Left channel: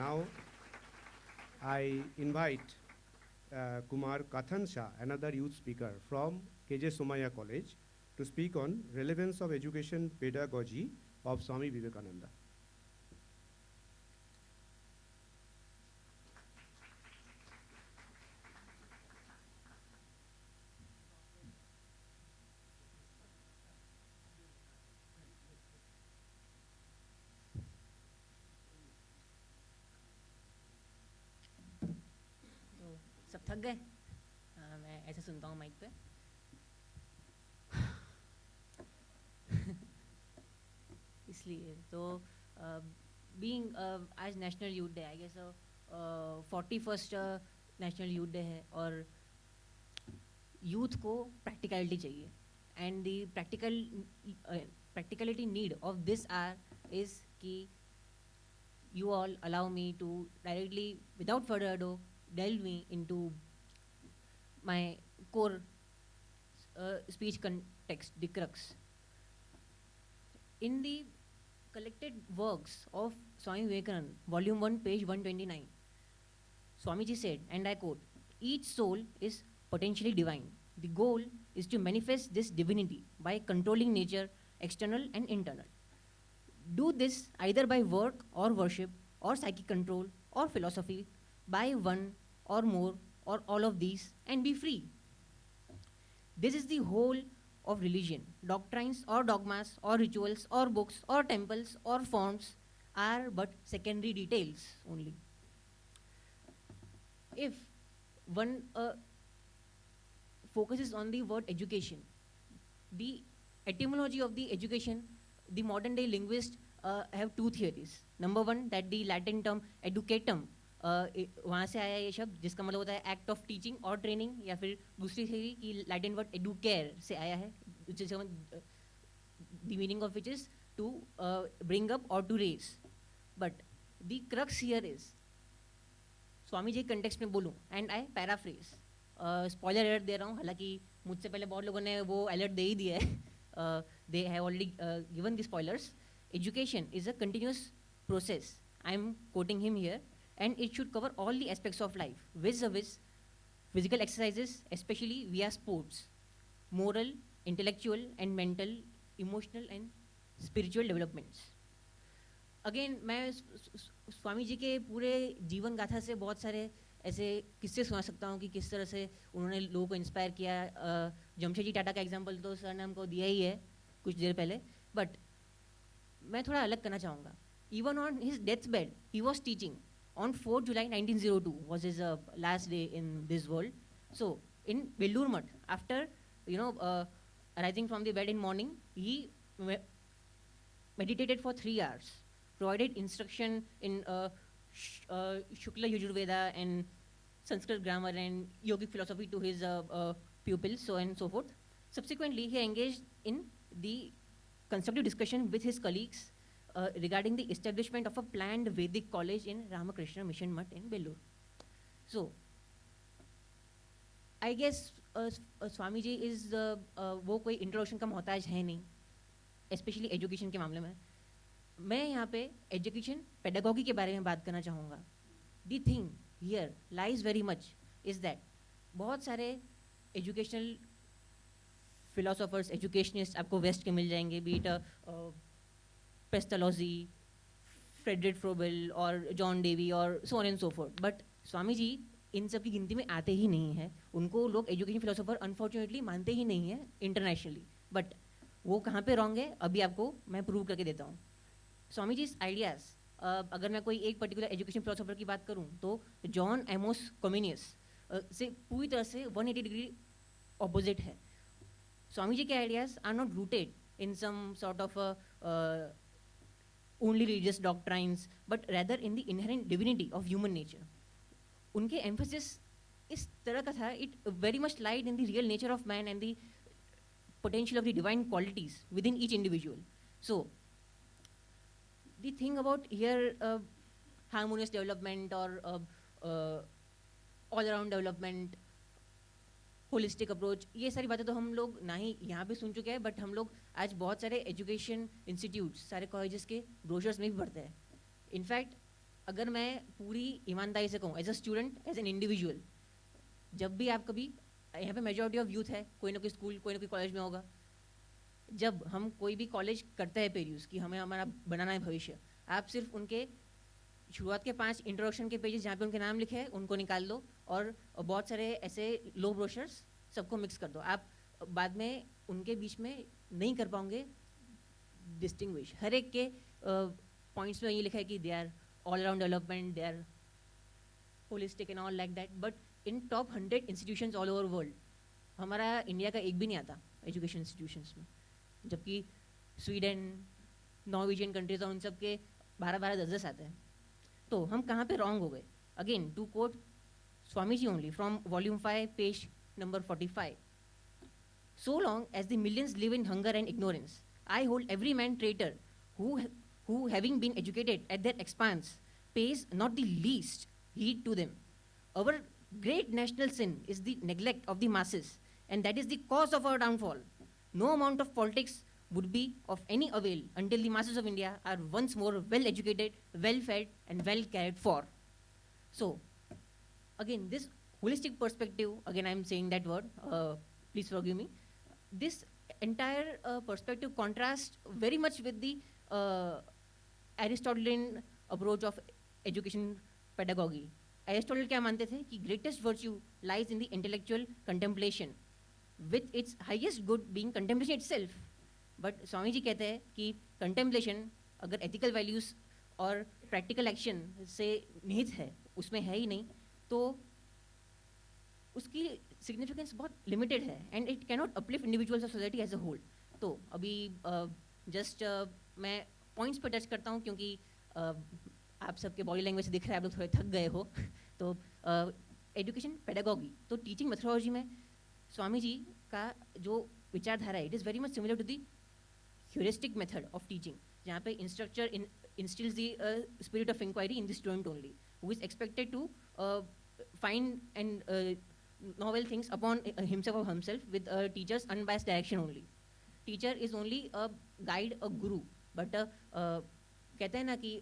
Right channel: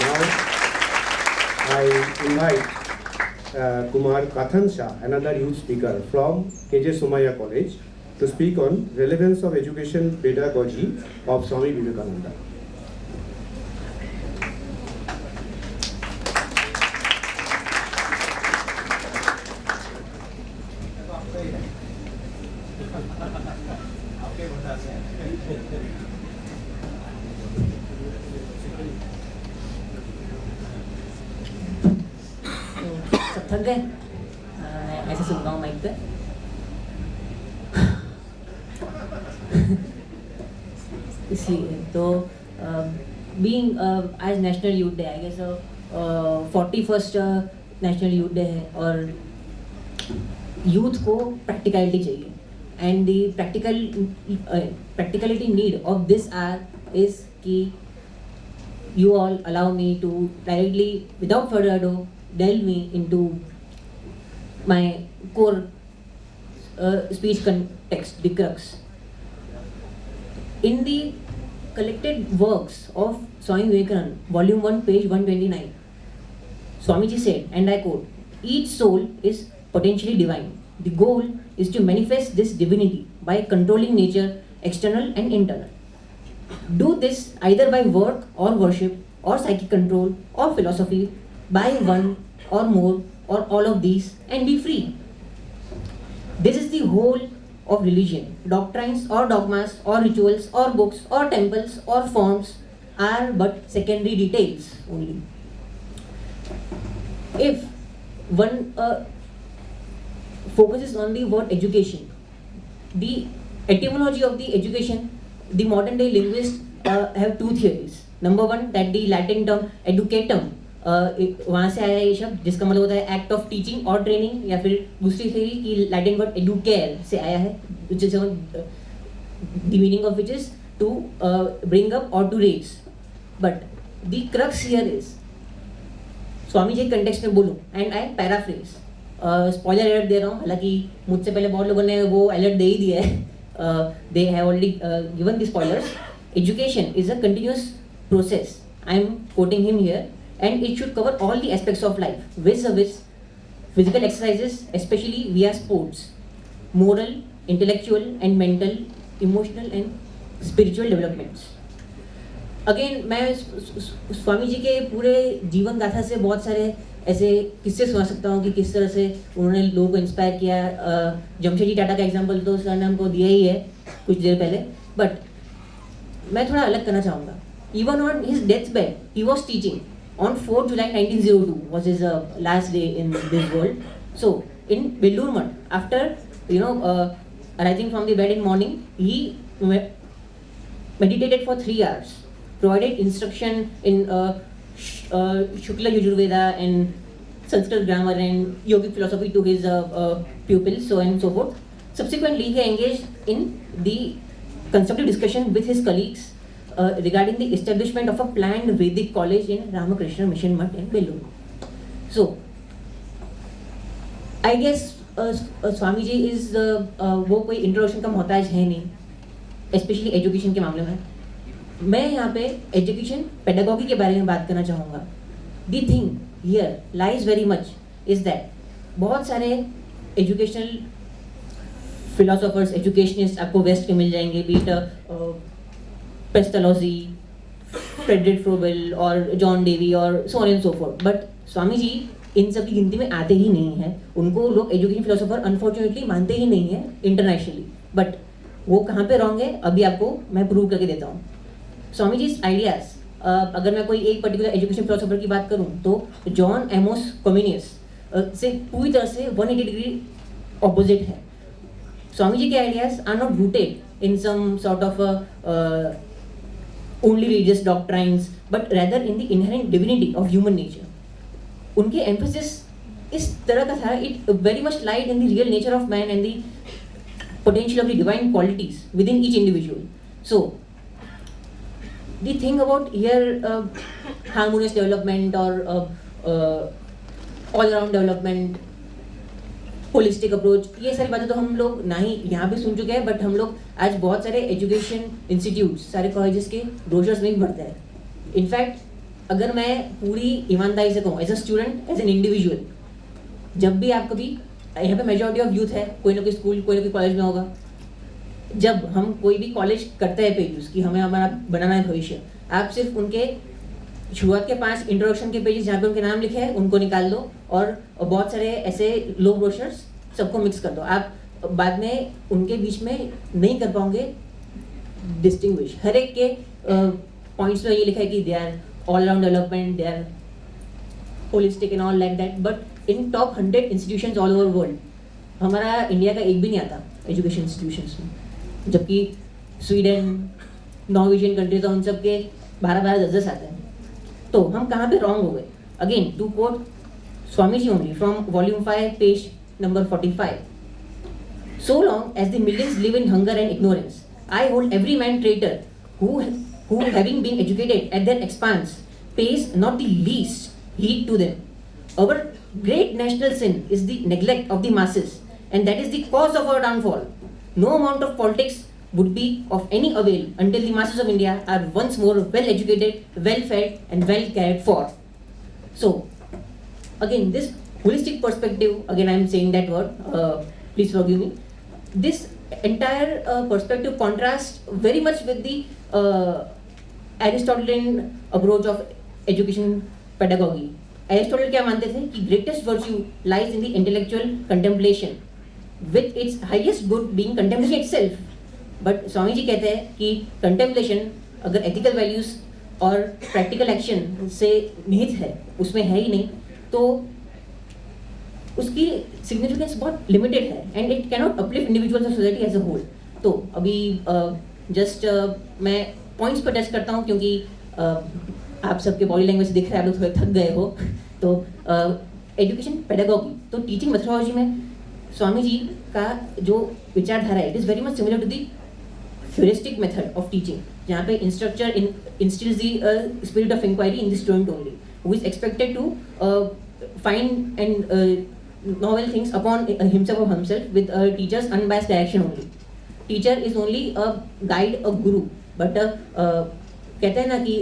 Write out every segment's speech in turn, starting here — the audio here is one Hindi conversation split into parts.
Now I invite Kumar Kathansha, another youth speaker from KJ Somaiya College, to speak on relevance of education pedagogy of Swami Vivekananda. थक गए ऐसे सुनता हूँ माइक पे इसलिए तो बीइंग आज national youth day I guess 41st national youth day है और यूथ को प्रैक्टिकलिटी चाहिए and the practicality need of this hour is कि you all allow me to directly without further ado delve me into my core speech context, the crux. In the collected works of Swami Vivekananda, Volume 1, page 129, Swamiji said, and I quote, "Each soul is potentially divine. The goal is to manifest this divinity by controlling nature, external and internal. Do this either by work or worship or psychic control or philosophy, by one or more or all of these, and be free." This is the whole of religion. Doctrines or dogmas or rituals or books or temples or forms are but secondary details only. If one focuses on the word education, the etymology of the education, the modern day linguists have two theories. Number one, that the Latin term educatum वहाँ से आया ये शब्द जिसका मतलब होता है एक्ट ऑफ टीचिंग और ट्रेनिंग, या फिर दूसरी थ्योरी कि लैटिन वर्ड एडुकेयर से आया है, which is the meaning of which is to bring up or to raise. But the crux here is, Swami ji context में बोलूँ and I paraphrase, spoiler alert दे रहा हूँ, हालांकि मुझसे पहले बहुत लोगों ने वो अलर्ट दे ही दिया है, they have already given the spoilers. Education is a continuous process. I am quoting him here, and it should cover all the aspects of life, vis-a-vis physical exercises, especially via sports, moral, intellectual and mental, emotional and spiritual developments. Again, मैं स्वामी जी के पूरे जीवन गाथा से बहुत सारे ऐसे किस्से सुना सकता हूँ कि किस तरह से उन्होंने लोगों को इंस्पायर किया. जमशेदजी टाटा का एग्जांपल तो सर ने हमको दिया ही है कुछ देर पहले, बट मैं थोड़ा अलग करना चाहूँगा. Even on his deathbed, he was teaching. On 4th July 1902 was his last day in this world. So in Vellur Mutt, after arising from the bed in morning, he meditated for 3 hours, provided instruction in Shukla Yajurveda and Sanskrit grammar and yogic philosophy to his pupils, so on and so forth. Subsequently, he engaged in the constructive discussion with his colleagues regarding the establishment of a planned Vedic college in Ramakrishna Mission Mutt in Vellur. So, I guess Swami ji is वो कोई इंट्रोडक्शन का मोहताज है नहीं, स्पेशली एजुकेशन के मामले में. मैं यहाँ पे एजुकेशन पेडागॉजी के बारे में बात करना चाहूँगा. The thing here lies very much is that बहुत सारे एजुकेशनल फिलोसोफर्स, एजुकेशनिस्ट आपको वेस्ट के मिल जाएंगे, be it Pestalozzi, Friedrich Froebel और जॉन डेवी और so on and so forth. But Swami ji इन सब की गिनती में आते ही नहीं है. उनको लोग एजुकेशन फिलोसोफर अनफॉर्चुनेटली मानते ही नहीं है इंटरनेशनली. बट वो कहाँ पे रॉन्ग है अभी आपको मैं प्रूव करके देता हूँ. स्वामी जी आइडियाज, अगर मैं कोई एक पर्टिकुलर एजुकेशन फिलोसोफर की बात करूँ तो जॉन एमोस कॉमिनियस से पूरी तरह से 180 डिग्री ऑपोजिट है. स्वामी जी के ideas are not rooted in some sort of only religious doctrines, but rather in the inherent divinity of human nature. उनके emphasis इस तरह का था, it very much lied in the real nature of man and the potential of the divine qualities within each individual. So, the thing about here harmonious development or all-around development, holistic approach, ये सारी बातें तो हम लोग ना ही यहाँ पे सुन चुके हैं, बट हम लोग आज बहुत सारे एजुकेशन इंस्टीट्यूट, सारे कॉलेजेस के ब्रोशर्स में भी पढ़ते हैं. इनफैक्ट अगर मैं पूरी ईमानदारी से कहूँ as a student, as an individual, जब भी आप कभी, यहाँ पे मेजॉरिटी ऑफ यूथ है, कोई ना कोई स्कूल कोई ना कोई कॉलेज में होगा, जब हम कोई भी कॉलेज करते हैं पेजेस कि हमें हमारा बनाना है भविष्य, आप सिर्फ उनके शुरुआत के 5 इंट्रोडक्शन के पेजेस जहाँ पे उनके नाम लिखे हैं उनको निकाल दो और बहुत सारे ऐसे लो ब्रोशर्स सबको मिक्स कर दो। आप बाद में उनके बीच में नहीं कर पाओगे डिस्टिंग्विश। हर एक के पॉइंट्स में ये लिखा है कि they are all around development, they are holistic and all like that, but in top 100 institutions all over world हमारा इंडिया का एक भी नहीं आता एजुकेशन इंस्टीट्यूशंस में, जबकि स्वीडन, नॉर्वेजियन कंट्रीज उन सब के 12-12, 10-10 आते हैं। तो हम कहाँ पे रॉन्ग हो गए? Again to quote Swami ji only from volume 5 page number 45, so long as the millions live in hunger and ignorance, I hold every man traitor who having been educated at their expense pays not the least heed to them. Our great national sin is the neglect of the masses, and that is the cause of our downfall. No amount of politics would be of any avail until the masses of India are once more well educated, well fed and well cared for. So again, this holistic perspective, again I am saying that word, please forgive me. This entire perspective contrasts very much with the Aristotelian approach of education pedagogy. Aristotle क्या मानते थे कि greatest virtue lies in the intellectual contemplation, with its highest good being contemplation itself. But Swami ji कहते हैं कि contemplation अगर ethical values और practical action से निहित है, उसमें है ही नहीं, तो उसकी सिग्निफिकेंस बहुत लिमिटेड है and it cannot uplift individuals और सोसाइटी एज अ होल। तो अभी जस्ट मैं पॉइंट्स पर टच करता हूँ क्योंकि आप सबके बॉडी लैंग्वेज दिख रहा है, आप लोग थोड़े थक गए हो। तो एजुकेशन पेडागॉजी, तो टीचिंग मेथोडोलॉजी में स्वामी जी का जो विचारधारा है, it is very much similar to the heuristic method of teaching, जहाँ पे instructor instills the spirit of inquiry in the student only, who is expected to find and novel things upon himself or himself with a teacher's unbiased direction only. Teacher is only a guide, a guru, but कहते हैं ना कि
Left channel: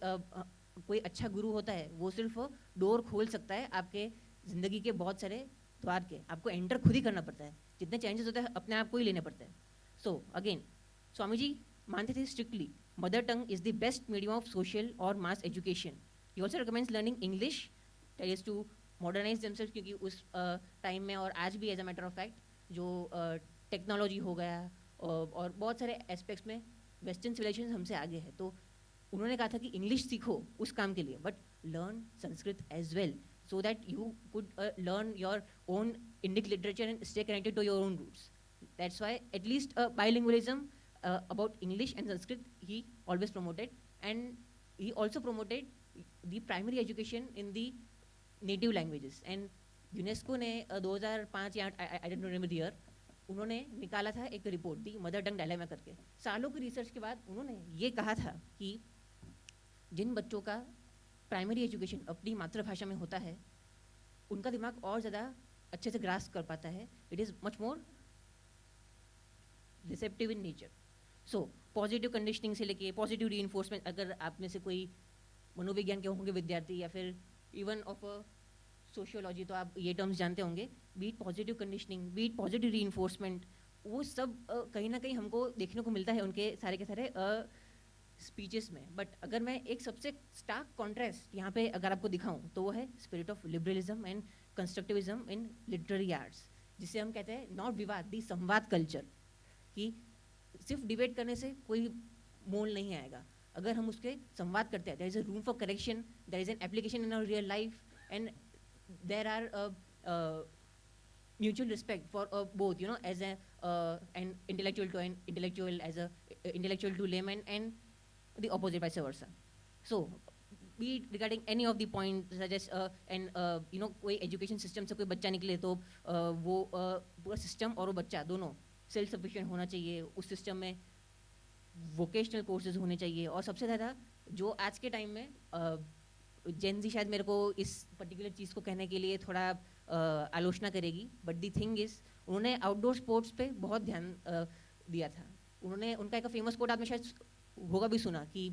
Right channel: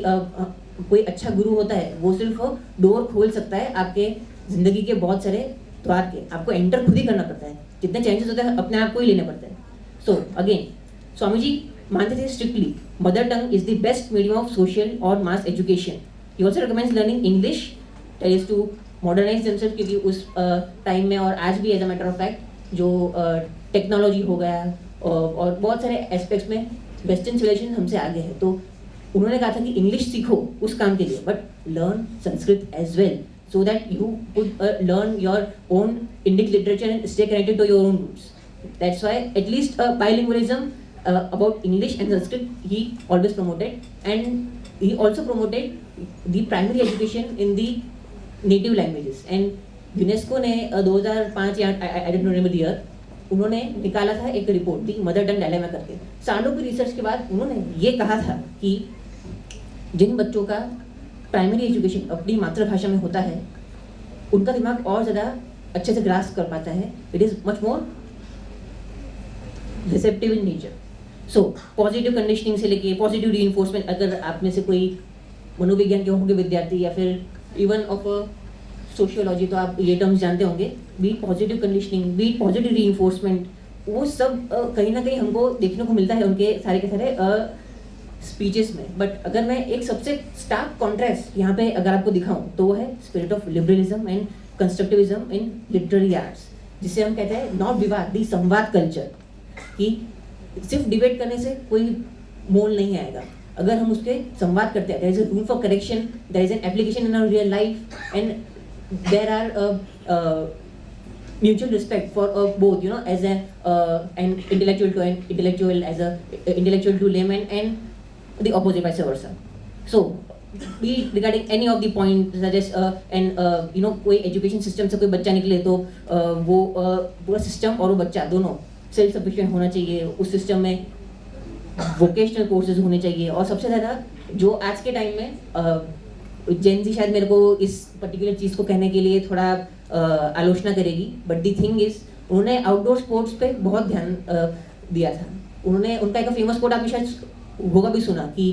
कोई अच्छा गुरु होता है वो सिर्फ डोर खोल सकता है आपके जिंदगी के बहुत सारे द्वार के, आपको एंटर खुद ही करना पड़ता है, जितने चेंजेस होते हैं अपने आप को ही लेने पड़ते हैं। सो अगेन स्वामी जी मानते थे strictly mother tongue is the best medium of social और mass education. He also recommends learning English is to modernise themselves, क्योंकि उस टाइम में और आज भी as a matter of fact जो टेक्नोलॉजी हो गया और बहुत सारे एस्पेक्ट्स में वेस्टर्न सिविलाइजेशन हमसे आगे है। तो उन्होंने कहा था कि इंग्लिश सीखो उस काम के लिए, but learn Sanskrit as well so that you could learn your own Indic literature and stay connected to your own roots. That's why at least bilingualism about English and Sanskrit he always promoted, and he also promoted the primary education in the native languages. And UNESCO ने 2005 या I don't remember the year, उन्होंने निकाला था एक रिपोर्ट दी मदर टंग डायलेमा करके। सालों की रिसर्च के बाद उन्होंने ये कहा था कि जिन बच्चों का प्राइमरी एजुकेशन अपनी मातृभाषा में होता है उनका दिमाग और ज़्यादा अच्छे से ग्रास्प कर पाता है, it is much more receptive in nature. So positive conditioning से लेके पॉजिटिव रीइंफोर्समेंट, अगर आप में से कोई मनोविज्ञान के होंगे विद्यार्थी या फिर इवन ऑफ सोशियोलॉजी, तो आप ये टर्म्स जानते होंगे, be positive conditioning, be positive reinforcement, वो सब कहीं ना कहीं हमको देखने को मिलता है उनके सारे के सारे स्पीचेस में। बट अगर मैं एक सबसे स्टार्क कॉन्ट्रास्ट यहाँ पे अगर आपको दिखाऊं तो वो है spirit of liberalism and constructivism in literary arts, जिसे हम कहते हैं नॉट विवाद दी संवाद कल्चर, कि सिर्फ डिबेट करने से कोई मोल नहीं आएगा। अगर हम उसके संवाद करते हैं, there is a room for correction, there is an application in our real life, and there are mutual respect for both, you know, as an intellectual to an intellectual, as a intellectual to layman, and the opposite vice versa. So be regarding any of the points such as and you know, कोई education system से कोई बच्चा निकले तो वो पूरा system और वो बच्चा दोनों self sufficient होना चाहिए, उस system में vocational courses होने चाहिए। और सबसे ज़्यादा जो आज के टाइम में जेन ज़ी शायद मेरे को इस पर्टिकुलर चीज़ को कहने के लिए थोड़ा आलोचना करेगी, बट द थिंग इज उन्होंने आउटडोर स्पोर्ट्स पे बहुत ध्यान दिया था। उन्होंने उनका एक फेमस कोट आपने शायद होगा भी सुना कि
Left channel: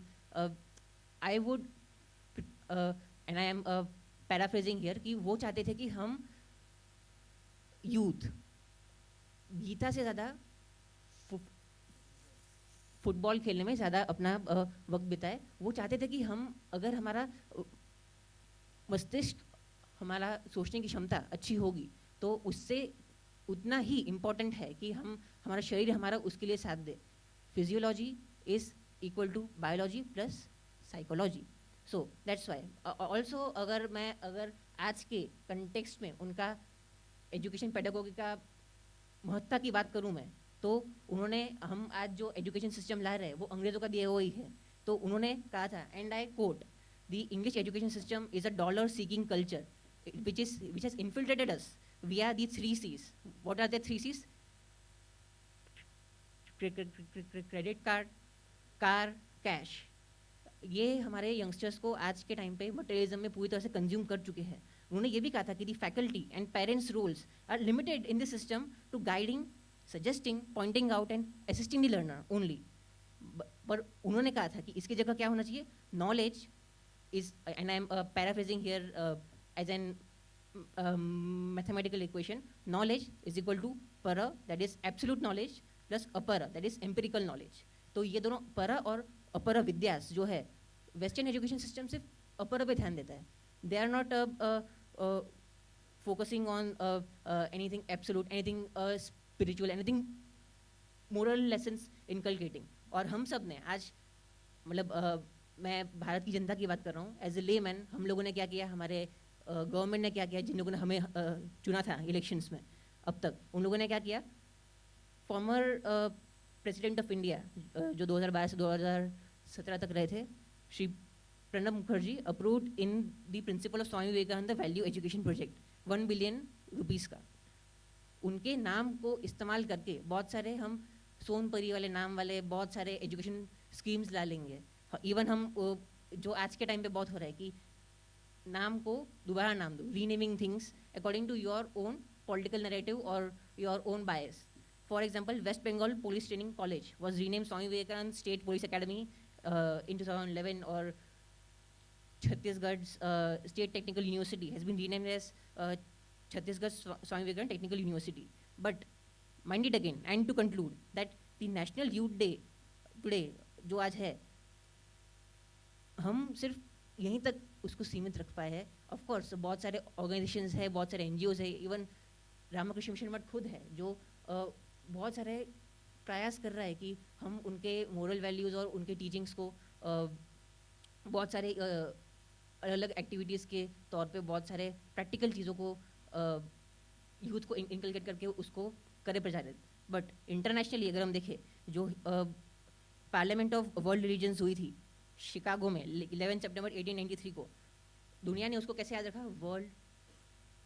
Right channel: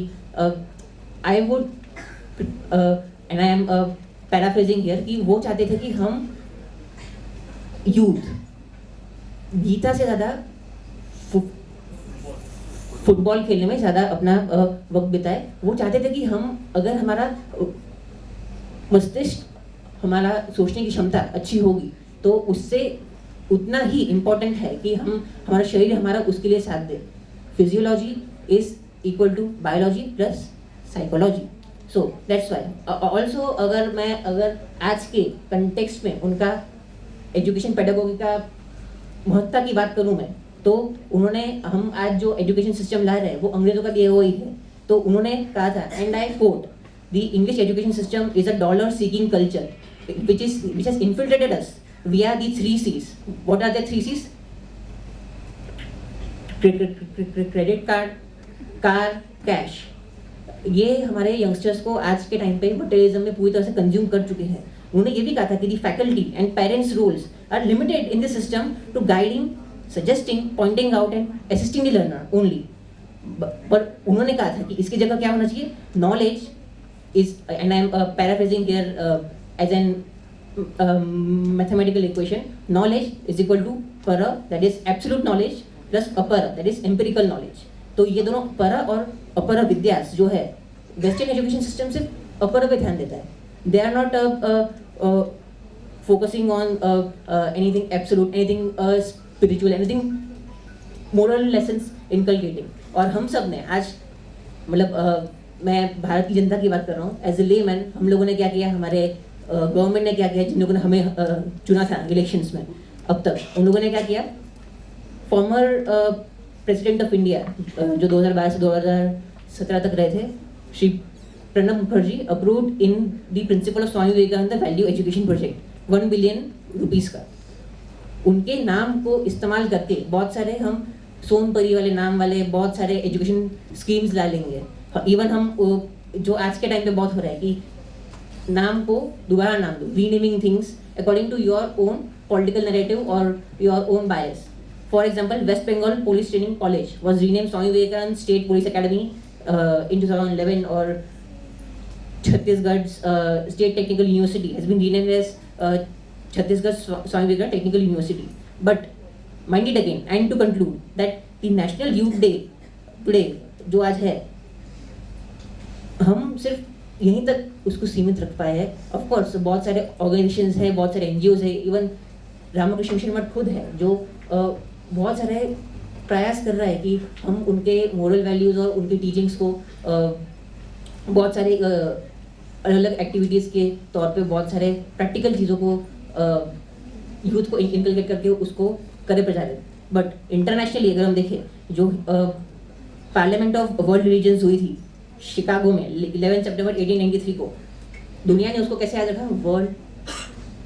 I would and I am paraphrasing here कि वो चाहते थे कि हम यूथ गीता से ज़्यादा फुटबॉल खेलने में ज़्यादा अपना वक्त बिताए। वो चाहते थे कि हम अगर हमारा मस्तिष्क, हमारा सोचने की क्षमता अच्छी होगी तो उससे उतना ही इम्पोर्टेंट है कि हम हमारा शरीर हमारा उसके लिए साथ दे। Physiology is equal to biology plus psychology. So that's why also अगर आज के कंटेक्स्ट में उनका एजुकेशन पेडागोगी का महत्ता की बात करूं मैं, तो उन्होंने हम आज जो एजुकेशन सिस्टम ला रहे हैं वो अंग्रेजों का दिया हुआ ही है। तो उन्होंने कहा था, and I quote, the English education system is a dollar seeking culture which has infiltrated us via the 3 C's. What are the 3 C's? Credit card, car, cash. ये हमारे यंगस्टर्स को आज के टाइम पे मटेरियलिज्म में पूरी तरह से कंज्यूम कर चुके हैं। उन्होंने ये भी कहा था कि the faculty and parents roles are limited in the system to guiding, suggesting, pointing out and assisting the learner only. और उन्होंने कहा था कि इसकी जगह क्या होना चाहिए? Knowledge is, and I am paraphrasing here as an mathematical equation, knowledge is equal to para, that is absolute knowledge, plus apara, that is empirical knowledge. तो ये दोनों para और अपरा विद्यास जो है, वेस्टर्न एजुकेशन सिस्टम सिर्फ अपरा पे ध्यान देता है। They are not focusing on anything absolute, anything spiritual, anything moral lessons inculcating. और हम सब ने आज मतलब मैं भारत की जनता की बात कर रहा हूँ, एज ए लेमैन हम लोगों ने क्या किया, हमारे गवर्नमेंट ने क्या किया, जिन लोगों ने हमें चुना था इलेक्शंस में अब तक, उन लोगों ने क्या किया, फॉर्मर प्रेसिडेंट ऑफ इंडिया जो 2012 से 2017 तक रहे थे, Shri Pranab Mukherjee, approved in the principle of Swami Vivekananda value education project 1 billion rupees का। उनके नाम को इस्तेमाल करके बहुत सारे हम सोनपरी वाले नाम वाले बहुत सारे एजुकेशन स्कीम्स ला लेंगे। इवन हम जो आज के टाइम पे बहुत हो रहा है कि नाम को दोबारा नाम दो, renaming things according to your own political narrative और your own bias. For example, West Bengal police training college was renamed Swami Vivekananda state police academy in 2011, और Chhattisgarh state technical university has been renamed as Chhattisgarh Swami Vivekananda technical university. But mind it again and to conclude that the national youth day today जो आज है, हम सिर्फ यहीं तक उसको सीमित रख पाए हैं। ऑफ कोर्स बहुत सारे ऑर्गेनाइजेशंस हैं, बहुत सारे एनजीओज है, इवन रामकृष्ण मिशन मठ खुद है जो बहुत सारे प्रयास कर रहा है कि हम उनके मोरल वैल्यूज और उनकी टीचिंग्स को बहुत सारे अलग अलग एक्टिविटीज के तौर पे बहुत सारे प्रैक्टिकल चीज़ों को यूथ को इंकलकेट करके उसको करे प्रचारित। बट इंटरनेशनली अगर हम देखें, जो पार्लियामेंट ऑफ वर्ल्ड रिलीजन्स हुई थी शिकागो में 11 सितंबर 1893 को, दुनिया ने उसको कैसे याद रखा? World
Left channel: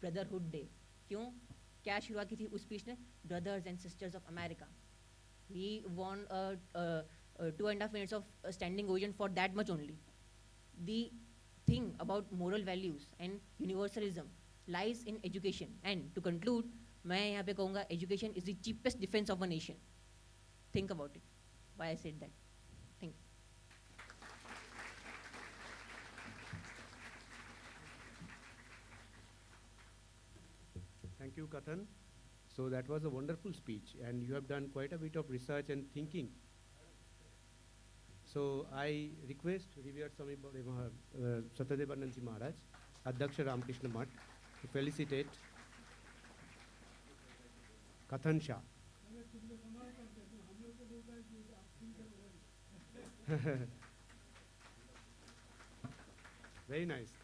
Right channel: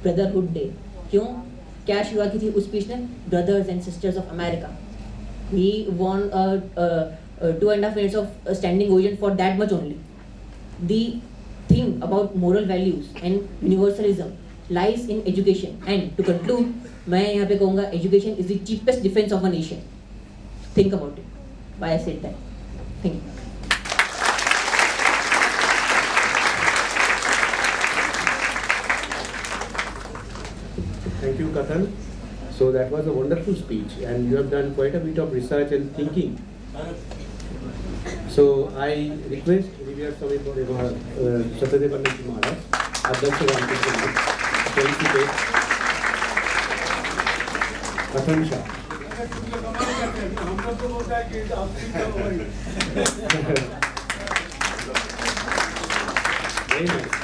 brotherhood day. क्यों? क्या शुरुआत की थी उस स्पीच ने? Brothers and sisters of America. He won 2.5 minutes of standing ovation for that much only. The thing about moral values and universalism lies in education. And to conclude, मैं यहाँ पे कहूँगा education is the cheapest defense of a nation. Think about it. Why I said that. Thank you. Thank you, Kathan. So that was a wonderful speech, and you have done quite a bit of research and thinking. So I request Revered Swami Satyadevanand Ji Maharaj, Adhyaksh Ramkrishna Math, to felicitate Kathan Shah. Very nice.